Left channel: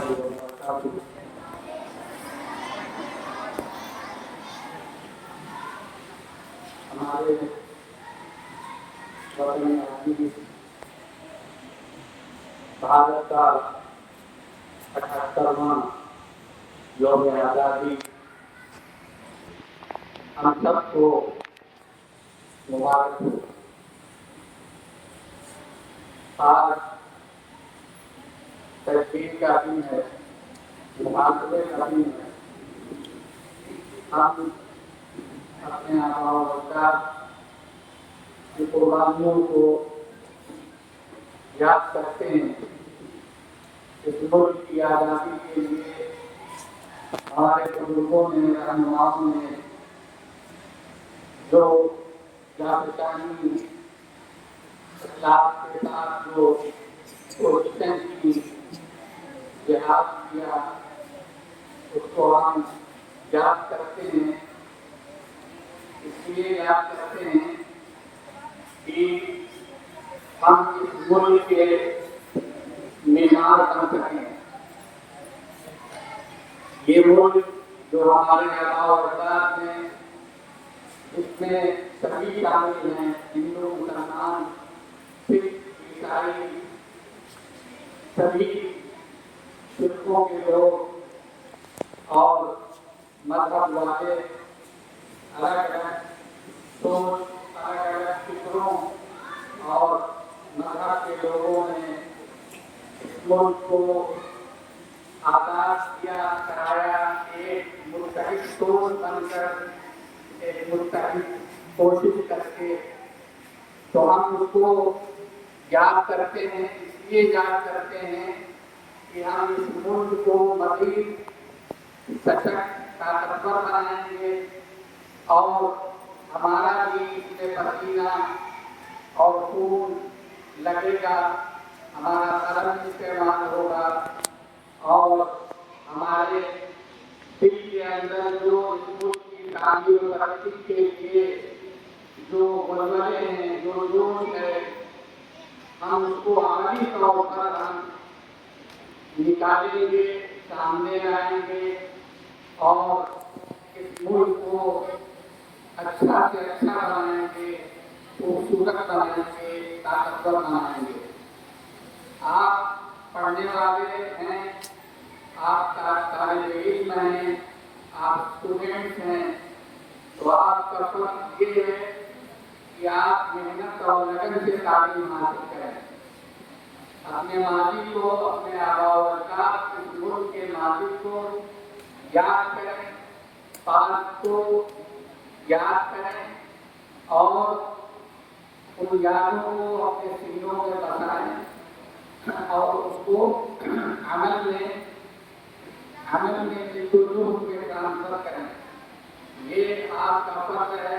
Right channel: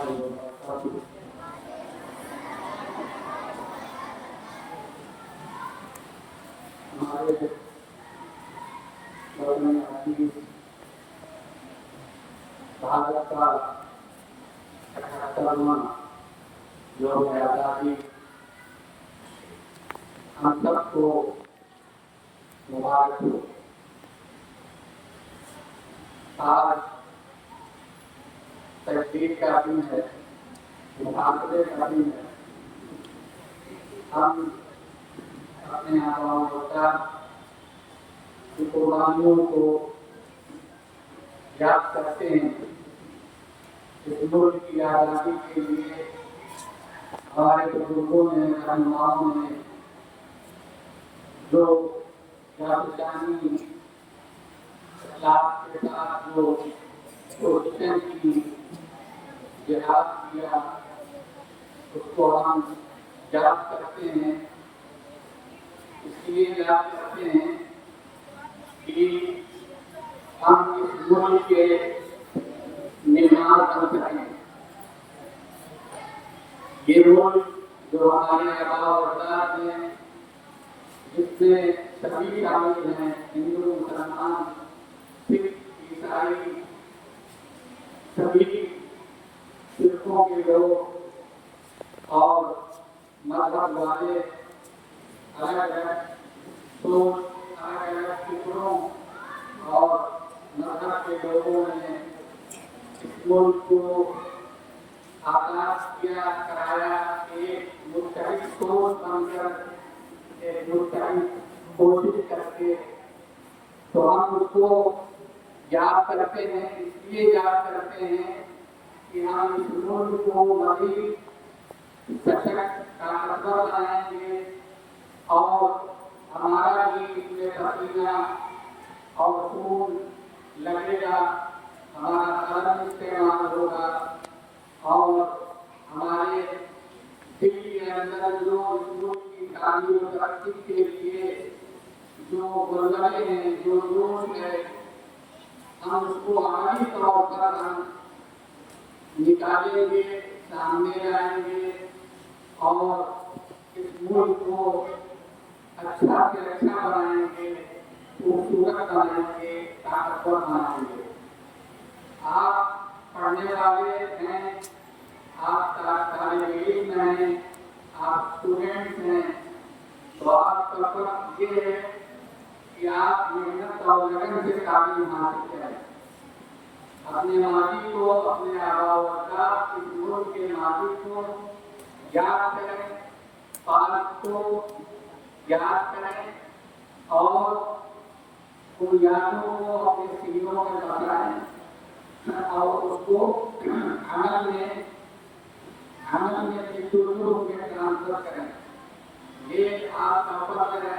ہمارے وطن عزیز بھارت کا 78واں یوم آزادی ہم سب کو مبارک ہو۔ آج تجدید کا دن ہے، محاصرے کا دن ہے۔ ہم اپنے آباء و اجداد کی قربانیوں کو یاد کرتے ہیں۔ اس ملک کی آزادی کے لیے ہمارے بزرگوں نے، رہنماؤں نے جو جانشانی اخلاق کے ساتھ جو کوششیں کی، جہاد کیا، اس کو ہم یاد کرتے ہیں۔ اس لیے یاد کرتے ہیں کہ ہم اس ملک کے معمار بن سکیں۔ یہ ملک جو ہمارے آباء و اجداد ہیں، جس میں سبھی شامل ہیں، ہندو، مسلمان، سکھ، عیسائی، سبھی فرقوں کے لوگ اور مذہب والے، الگ الگ سوچ، الگ الگ فکروں اور مذہب کے لوگوں نے اس ملک کو آزاد کیا، کرایا، ایک متحد سوچ بن کر، ایک متحد کوشش کر کے۔ تو ہم اس کو یاد کرتے ہیں، اس لیے یاد کرتے ہیں کہ ہم اس ملک کو مزید سشکت، طاقتور بنائیں گے اور ہمارا بھی اس میں پسینہ اور خون لگے گا، ہمارا قلم استعمال ہوگا اور ہمارے دل کے اندر جو اس ملک کی تعمیر و ترقی کے لیے جو غلبے ہیں، جو جوش ہے، ہم اس کو عملی طور پر ہم نکالیں گے، سامنے لائیں گے اور اس ملک کو اچھا سے اچھا بنائیں گے، خوبصورت بنائیں گے، طاقتور بنائیں گے۔ آپ پڑھنے والے ہیں، آپ طالب علم ہیں، آپ اسٹوڈنٹس ہیں، تو آپ کا فرض یہ ہے کہ آپ محنت اور لگن سے تعلیم حاصل کریں۔ اپنے ماضی کو، اپنے آباء و اجداد، اس ملک کے ماضی کو یاد کریں، تاریخ کو یاد کریں اور ان یادوں کو اپنے سینوں میں بسائیں اور اس کو عمل میں بالکل کے ٹرانسفر کریں۔ یہ آپ کا فرض ہے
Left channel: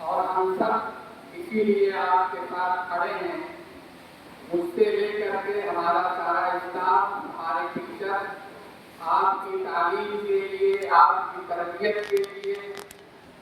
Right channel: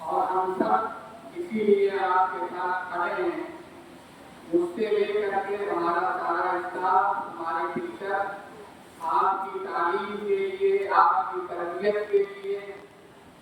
اور ہم سب اسی لیے آپ کے ساتھ کھڑے ہیں۔ مجھ سے لے کر کے ہمارا سارا اسٹاف، ہمارے ٹیچر آپ کی تعلیم کے لیے، آپ کی تربیت کے لیے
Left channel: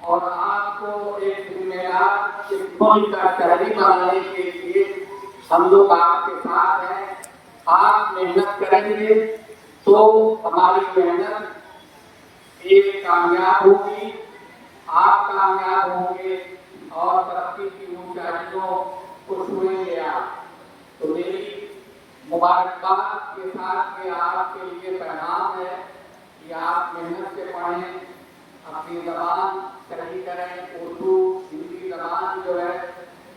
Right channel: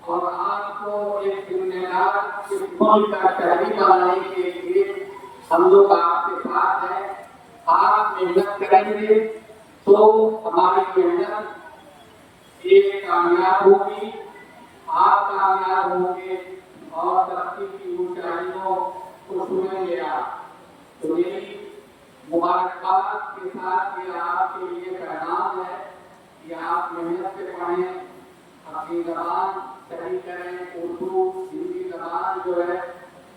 اور آپ کو ایک ذمہ دار ملک کا شہری بنانے کے لیے ہم لوگ آپ کے ساتھ ہیں۔ آپ محنت کریں گے تو ہماری محنت ایک کامیاب ہوگی، آپ کامیاب ہوں گے اور ترقی کی اونچائیوں کو چھوئیں گے آپ۔ تو میری مبارکباد کے ساتھ یہ آپ کے لیے پیغام ہے کہ آپ محنت سے پڑھیں، اپنی زبان صحیح کریں، اردو، ہندی زبان جو ہے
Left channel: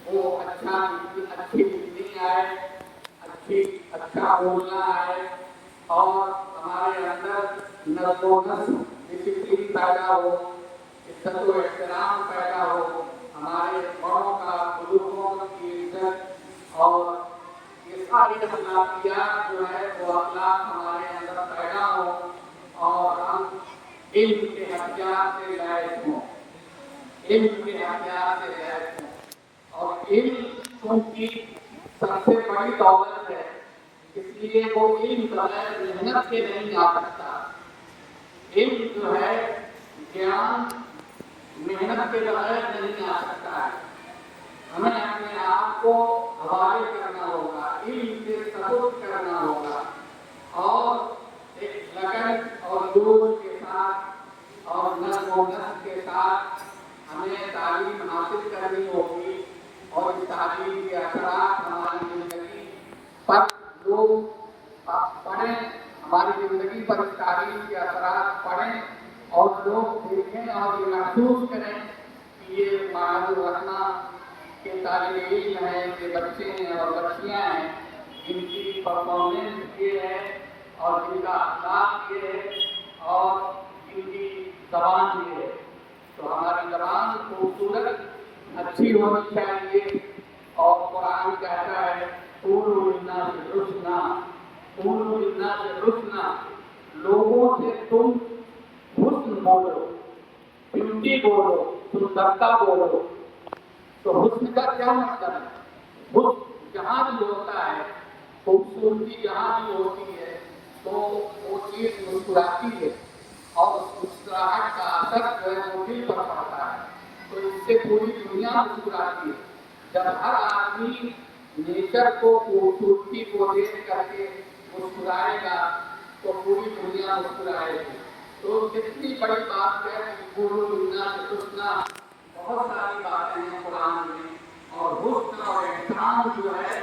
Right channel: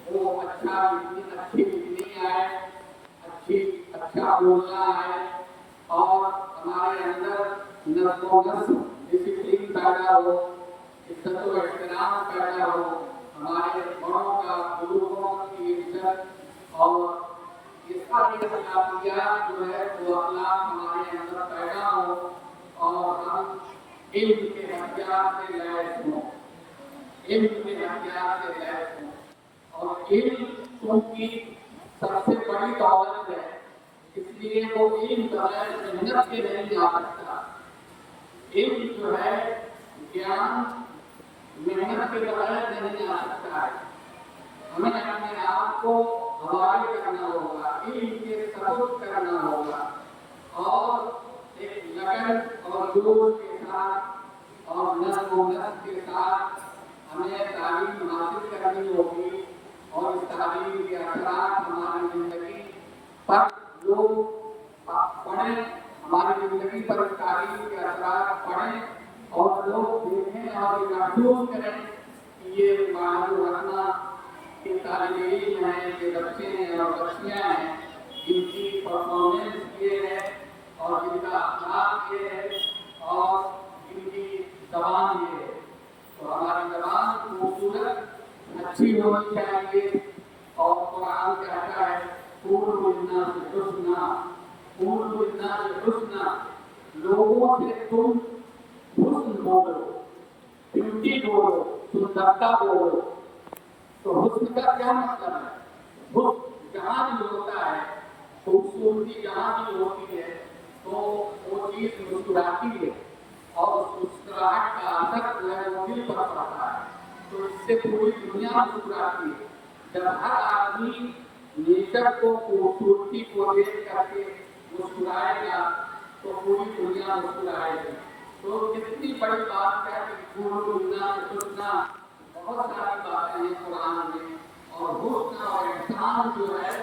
وہ اچھی لکھنی آئے، اچھا بولنا آئے اور ہمارے اندر نظم و نسق، ڈسپلن پیدا ہو، عزت و احترام پیدا ہو، ہمارے بڑوں کا، بزرگوں کی عزت اور یہ ساری اخلاقیات جو ہے وہ اخلاق ہمارے اندر پیدا ہو اور ہم علم کے ہتھیار سے لیس ہوں، علم کے ہتھیار سے لیس ہوں۔ اور علم کیونکہ سب سے بڑی دولت ہے، اس لیے وہ علم بغیر محنت کے نہیں آ سکتا۔ علم جو ہے، گیان محنت کے بغیر نہیں آ سکتا ہے۔ ہمیں اپنے آپ کو حوالے کرنا ہوگا، علم کے سپورٹ کرنا ہوگا اور लगन और जोश के साथ और नज़्म व नस्र के साथ हमें तालीम हासिल करनी होगी और इस तालीम के असरात हमारी ज़िंदगी पर जो पढ़ें, हमारी ज़िंदगी पर इस तालीम के असरात पढ़ें और लोग देखें और ये महसूस करें कि ये मालूम रखना के तालिब इल्म हैं, के बच्चे हैं और बच्चियाँ हैं जिनकी परफॉर्मेंस ये है और जिनका अखलाक ये है और जिनकी ज़बान ये है। तो हमारी ज़बान खूबसूरत अच्छी होनी चाहिए और कुरान कहता है क़ूलू लिन्नासि हुस्ना, क़ूलू लिन्नासि हुस्ना, लोगों से तुम हुस्न बोलो, ब्यूटी बोलो, सुंदरता बोलो। तो हुस्न का क्या मतलब है? हुस्न जहाँ भी होता है, खूबसूरती जहाँ भी होती है तो वो चीज़ मुस्कुराती है और उस मुस्कुराहट का असर जो है वो दिल पर पड़ता है, तो इससे पूरी दुनिया मुस्कुराती है। जब हर आदमी नेचर को, खूबसूरती को देख करके मुस्कुराएगा तो पूरी दुनिया मुस्कुराएगी। तो कितनी बड़ी बात है कि क़ूलू लिन्नासि हुस्ना, बहुत सारी बातें हैं कुरान में और हुस्न और एहसान जो है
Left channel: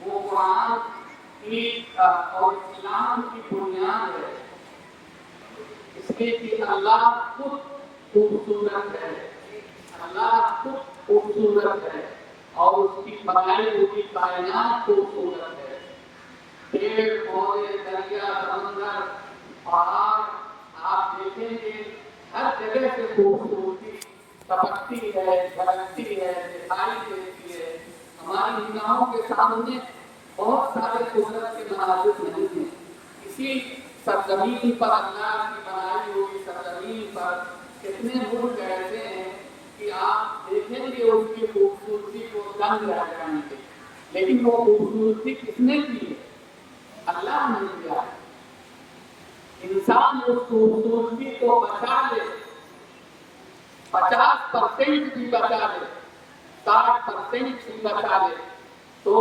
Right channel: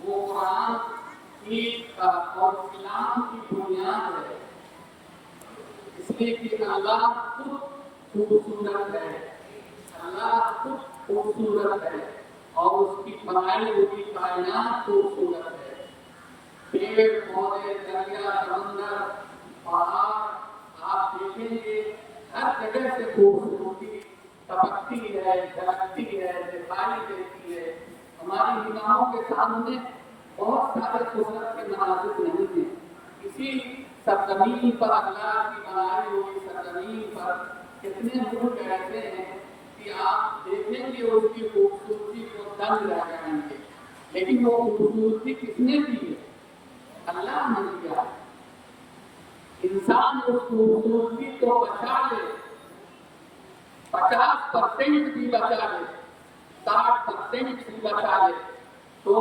वो कुरान की और इस्लाम की बुनियाद है, इसलिए कि अल्लाह खुद खूबसूरत है, अल्लाह खुद खूबसूरत है और उसकी बनाई हुई कायनात खूबसूरत है। पेड़ पौधे, दरिया, समंदर, पहाड़ आप देखेंगे हर जगह से खूबसूरती टपकती है, झलकती है, दिखाई देती है। हमारी निगाहों के सामने बहुत सारे कुदरत के मनाज़िर नहीं हैं। इसी सरज़मीन पर, अल्लाह की बनाई हुई सरज़मीन पर कितने मुल्क ऐसे हैं कि आप देखेंगे उसकी खूबसूरती को दंग रह जाएंगे, लेकिन वो खूबसूरती किसने दी है? अल्लाह ने दिया है। इंसान उस खूबसूरती को बचा ले, 50% भी बचा ले, 60% भी बचा ले तो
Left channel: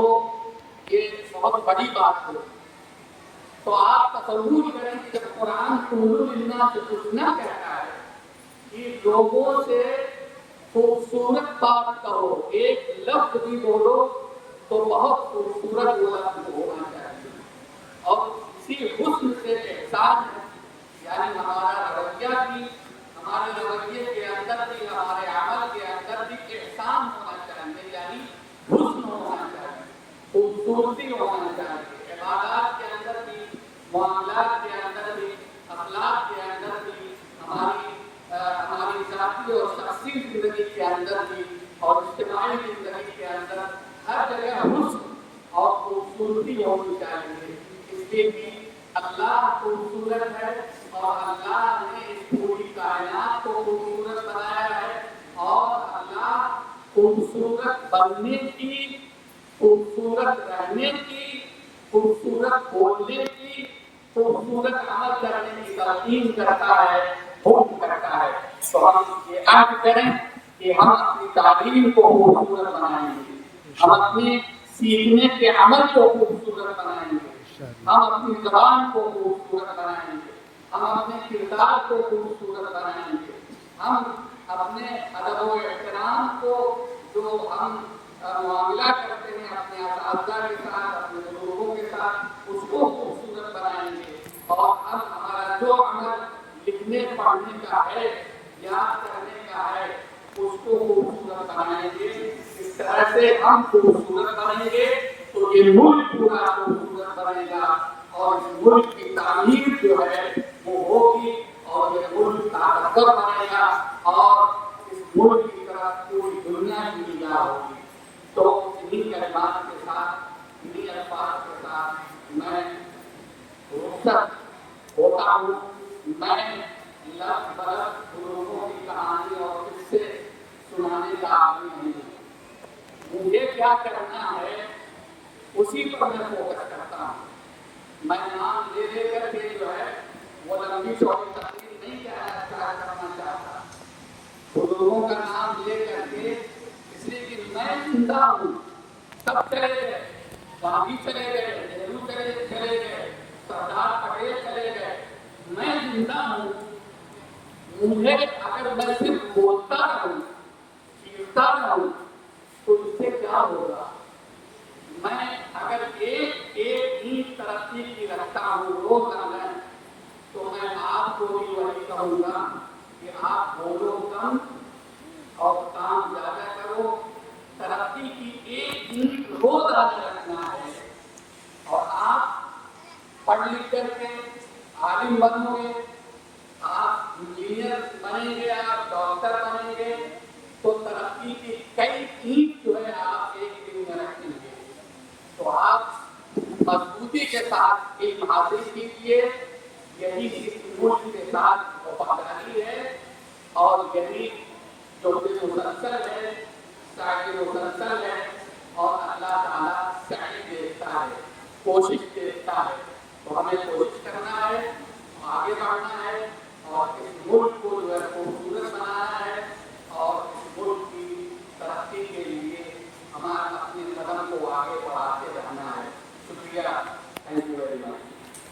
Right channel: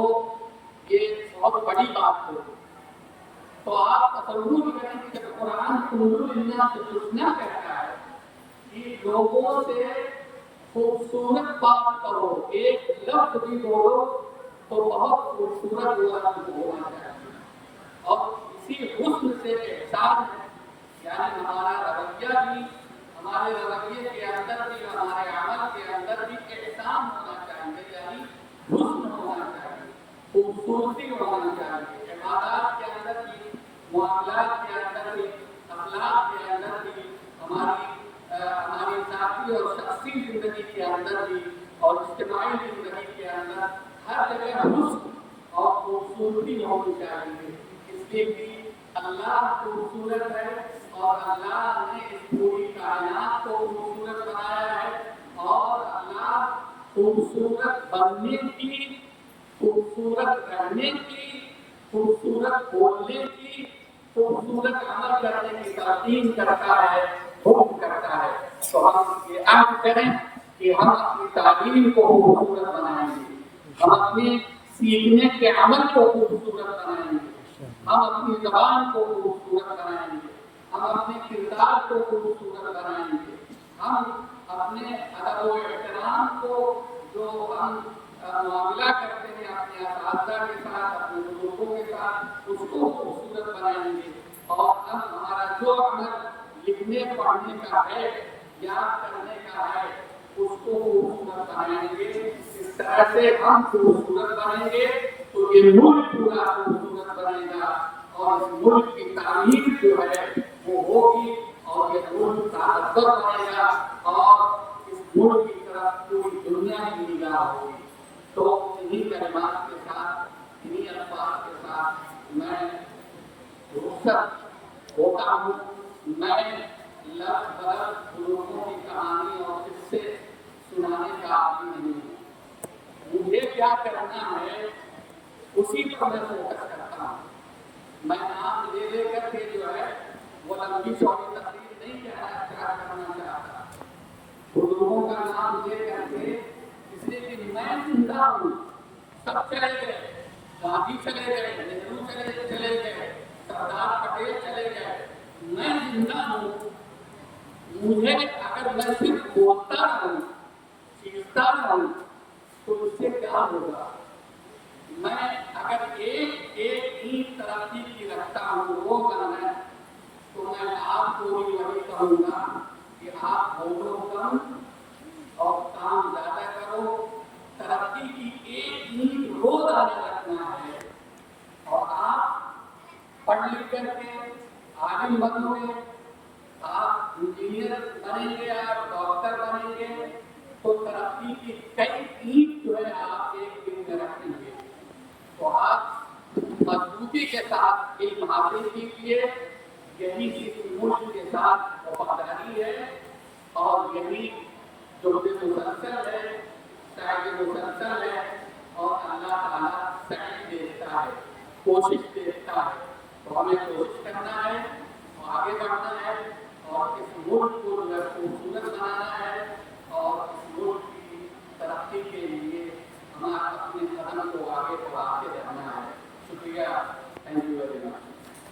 ये बहुत बड़ी बात है। तो आप तसव्वुर करें कि जब कुरान क़ूलू लिन्नासि हुस्ना कहता है कि लोगों से खूबसूरत बात करो, एक लफ्ज़ भी बोलो तो बहुत खूबसूरत वो लफ्ज़ होना चाहिए और इसी हुस्न से एहसान है, यानी हमारा रवैया भी, हमारे रवैये के अंदर भी, हमारे अमल के अंदर भी एहसान होना चाहिए, यानी हुस्न होना चाहिए, खूबसूरती होना चाहिए। इबादत के अंदर भी, मुआमलात के अंदर भी, अखलाक के अंदर भी, हमारी ज़ाती और शख़सी ज़िंदगी के अंदर भी और इज्तिमाई ज़िंदगी के अंदर हर जगह हुस्न और खूबसूरती होनी चाहिए। इसलिए भी अल्लाह खूबसूरत है और अल्लाह ने इस पूरी कायनात को खूबसूरत बनाया है और अल्लाह खूबसूरत बनने की, खूबसूरत रहने की, खूबसूरत बोलने की, खूबसूरत अमल करने की ताकीद करता है, हुक्म करता है। तो हम ये अहद करें कि हम अपनी तालीम को खूबसूरत बनाएंगे, हम अपने सीखने के अमल को खूबसूरत बनाएंगे, हम अपनी ज़बान को खूबसूरत बनाएंगे, हम अपने किरदार को खूबसूरत बनाएंगे, हम अपने अदब व एहतराम को जो हम मुआमला करते हैं अपने असातिज़ा के साथ, अपने बुजुर्गों के साथ, उसको खूबसूरत बनाएंगे और हम हमारा जो अमल लिखने पढ़ने का है, याद करने का है, उसको खूबसूरत बनाएंगे। इस तरह से हम खूबसूरत बनेंगे तो ये मुल्क पूरा खूबसूरत बनेगा और इस मुल्क की तामीर जो है वो होगी और ये मुल्क ताकतवर बनेगा और इस मुल्क की तरफ पूरी दुनिया की निगाह होगी। तो इन्हीं कलिमात के साथ, इन्हीं अल्फाज के साथ मैं रुखसत होता हूँ। मैं लफ्ज़ बलफ्ज़ लोगों की कहानी और किस्से सुनाने का आदमी नहीं हूँ। मुझे क्या करना है उसी पर मैं फोकस करता हूँ। मैं नाम ले करके जो है वो लंबी चौड़ी तकरीर नहीं करना चाहता। बुजुर्गों का नाम ले करके, इसलिए कि मैं जिंदा हूँ, सब चले गए, गांधी चले गए, नेहरू चले गए, सरदार पटेल चले गए, इंसान हूँ, मुझे अगर मैं सिर्फ बोलता रहूँ, सीखता रहूँ, तो उससे क्या होगा? मैं अगर एक एक ईंट तरक्की की रखता हूँ रोजाना, तो मैं आपको भी वही कहूँगा कि आप बोलो कम और काम ज्यादा करो। तरक्की की एक ईंट रोज आगे रखना है और आप पढ़ लिख करके आलिम बनोगे, आप इंजीनियर बनेंगे, आप डॉक्टर बनेंगे, तो तरक्की की कई ईंट जो है आप एक दिन में रखेंगे। तो आप मजबूती के साथ एक हासिल कीजिए, यही इस मुल्क के साथ वफादारी है और यही जो मुसलसल है, साइड मुसलसल है और अल्लाह ताला सही देता है, कोशिश देता है। तो हमें कोशिश करना है, आगे बढ़ना है और इस मुल्क को जो है खूबसूरत बनाना है और इस मुल्क की तरक्की के लिए हमारे अपने कदम को आगे बढ़ाते रहना है। शुक्रिया।